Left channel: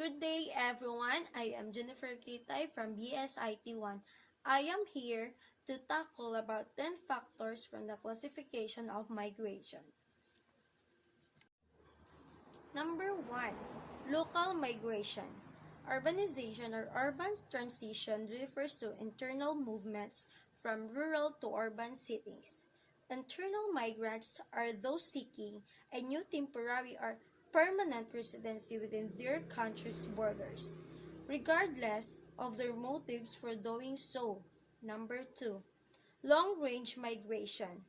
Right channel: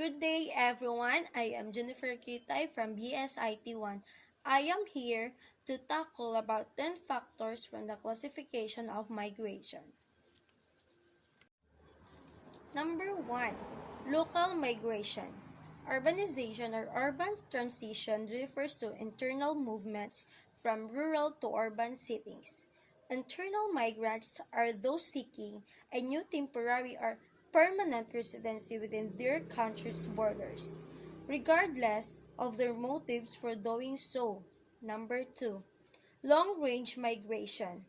Good day, everyone. I am Jennifer Kitay from BSIT1. I am here to tackle about 10 factors from the classification of migration. Number 1. Local migration. Urbanization or urban transition refers to internal movements from rural to urban settings. Internal migrants are those seeking a new temporary or permanent residency within their country's borders, regardless of their motives for doing so. Number 2. Long-range migration.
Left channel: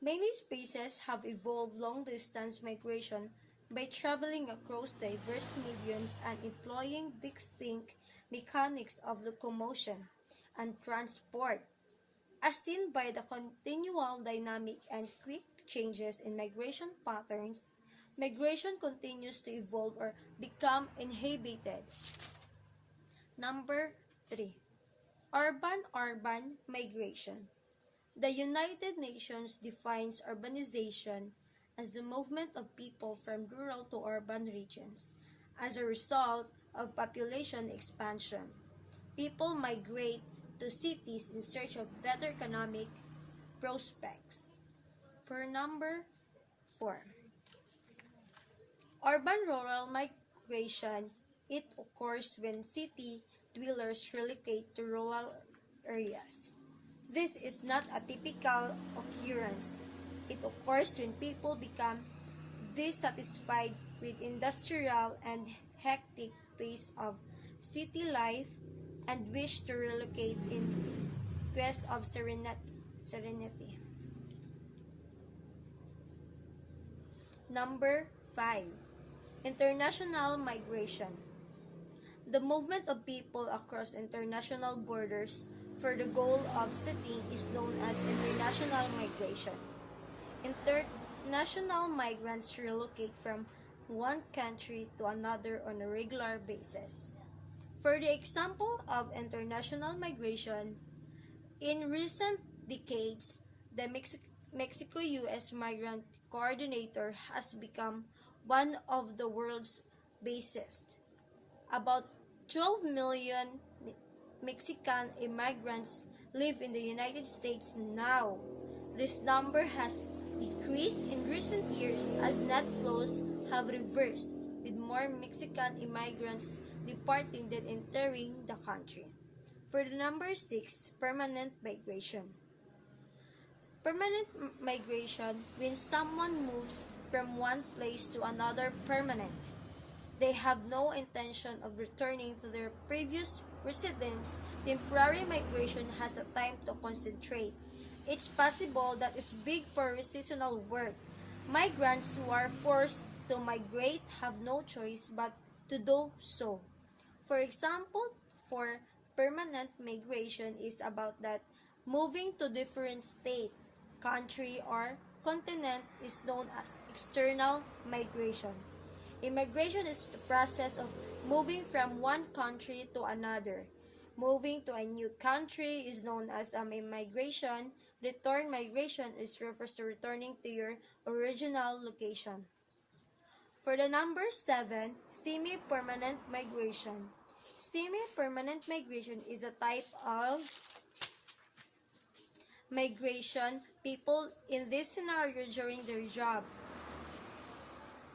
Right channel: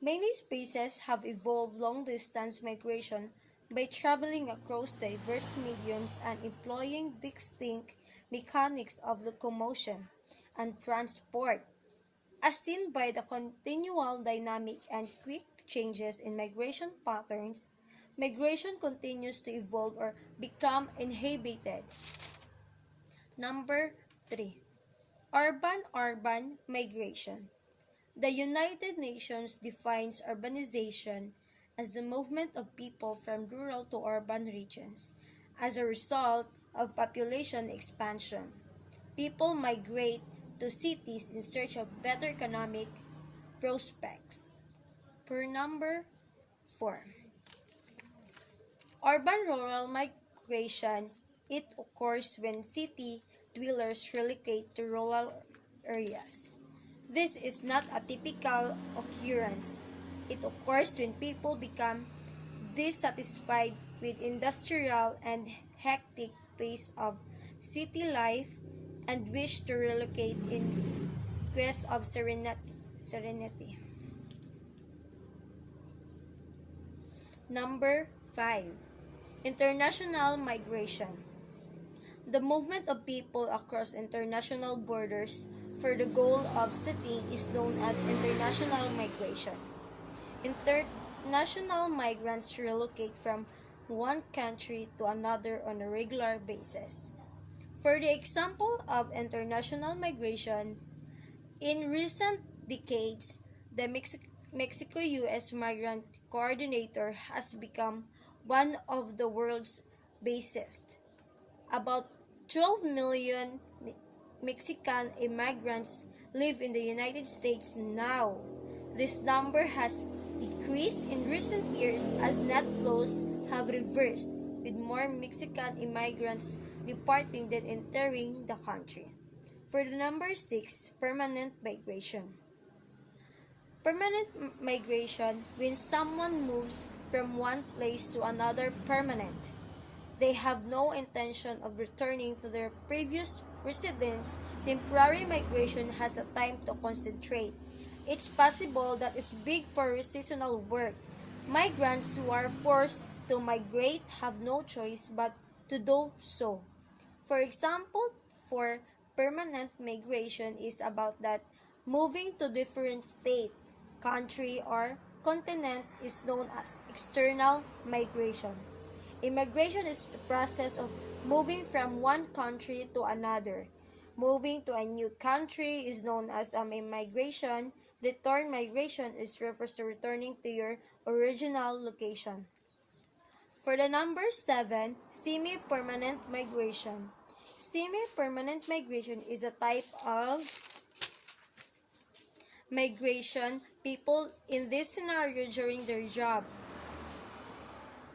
Many species have evolved long-distance migration by traveling across diverse mediums and employing distinct mechanics of locomotion and transport. As seen by the continual dynamic and quick changes in migration patterns, migration continues to evolve or become inhibited. Number 3. Urban-urban migration. The United Nations defines urbanization as the movement of people from rural to urban regions as a result of population expansion. People migrate to cities in search of better economic prospects. Per number 4. Urban-rural migration. It occurs when city dwellers relocate to rural areas. This is not a typical occurrence. It occurs when people become dissatisfied with industrial and hectic pace of city life and wish to relocate in quest of serenity. Number 5. International migration. The movement of people across international borders for the goal of settling is known as international migration. International migrants relocate from one country to another on a regular basis. For the example of international migration, in recent decades, the Mexico-US Migrant Coordinator has become one of the world's busiest. About 12 million Mexican immigrants live in the United States now. This number has decreased in recent years as net flows have reversed, with more Mexican immigrants departing than entering the country. For the number 6, permanent migration. Permanent migration when someone moves from one place to another permanent. They have no intention of returning to their previous residence. Temporary migration has a time to concentrate. It's possible that it's big for seasonal work. Migrants who are forced to migrate have no choice but to do so. For example, for permanent migration is about that moving to different state, country, or continent is known as external migration. Immigration is the process of moving from one country to another. Moving to a new country is known as immigration. Return migration refers to returning to your original location. For the number 7, semi-permanent migration. Semi-permanent migration is a type of migration people in this scenario during their job.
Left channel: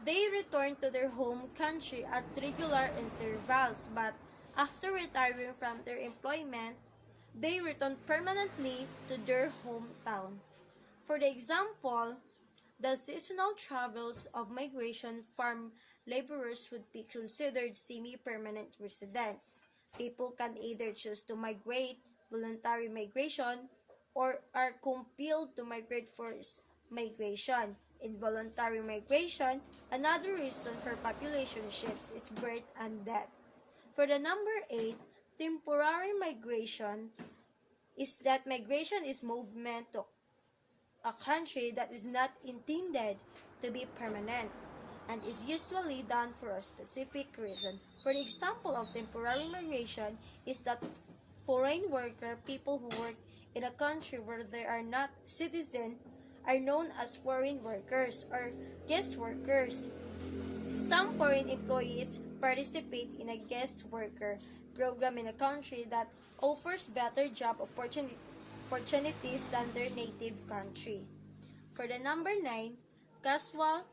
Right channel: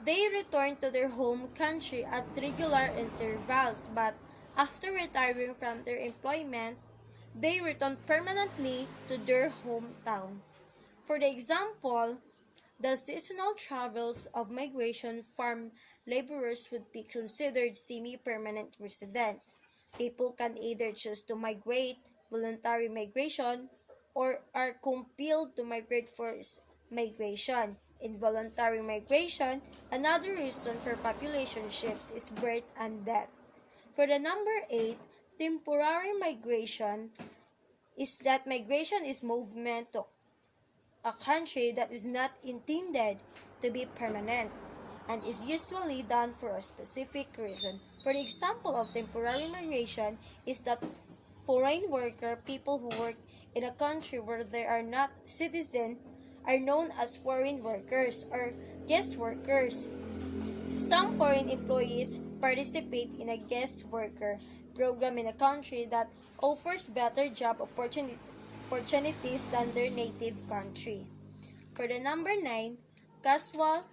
They return to their home country at regular intervals, but after retiring from their employment, they return permanently to their hometown. For the example, the seasonal travels of migration farm laborers would be considered semi-permanent residents. People can either choose to migrate, voluntary migration, or are compelled to migrate forced migration. Involuntary migration, another reason for population shifts is birth and death. For the number 8, temporary migration is that migration is movement to a country that is not intended to be permanent and is usually done for a specific reason. For the example of temporary migration is that foreign worker, people who work in a country where they are not citizens, are known as foreign workers or guest workers. Some foreign employees participate in a guest worker program in a country that offers better job opportunities than their native country. For the number 9, casual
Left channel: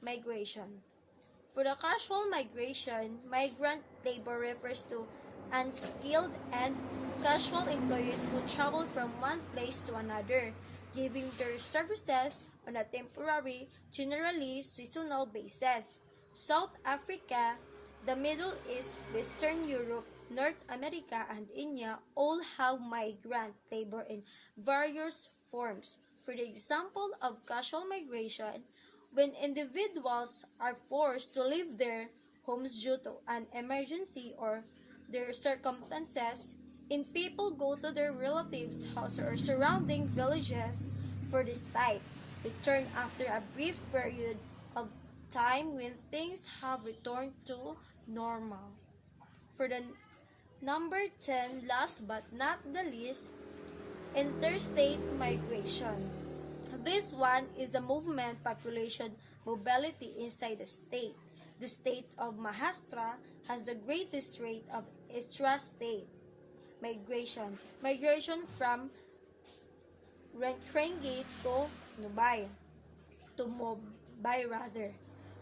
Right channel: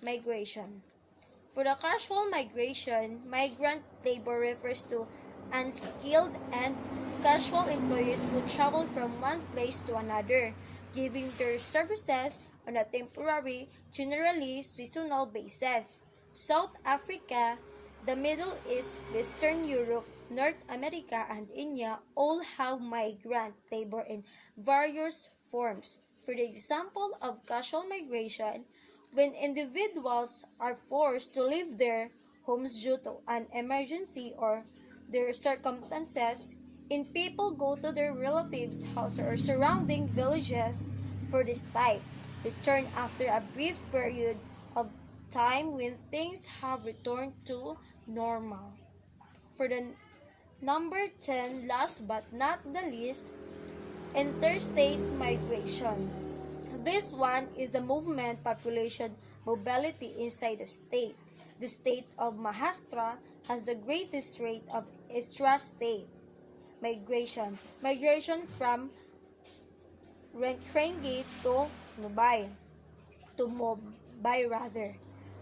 migration. For the casual migration, migrant labor refers to unskilled and casual employees who travel from one place to another, giving their services on a temporary, generally seasonal basis. South Africa, the Middle East, Western Europe, North America, and India all have migrant labor in various forms. For the example of casual migration, when individuals are forced to leave their homes due to an emergency or their circumstances, and people go to their relatives' house or surrounding villages for this type, return after a brief period of time when things have returned to normal. For the number 10, last but not the least, interstate migration. This one is the movement population mobility inside the state. The state of Maharashtra has the greatest rate of intra-state migration. Migration from Rengate to Mumbai, rather.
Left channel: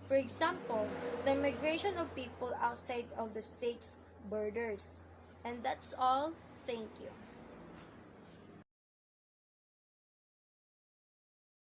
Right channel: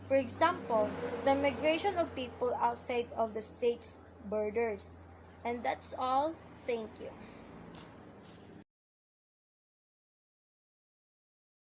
For example, the migration of people outside of the state's borders. And that's all. Thank you.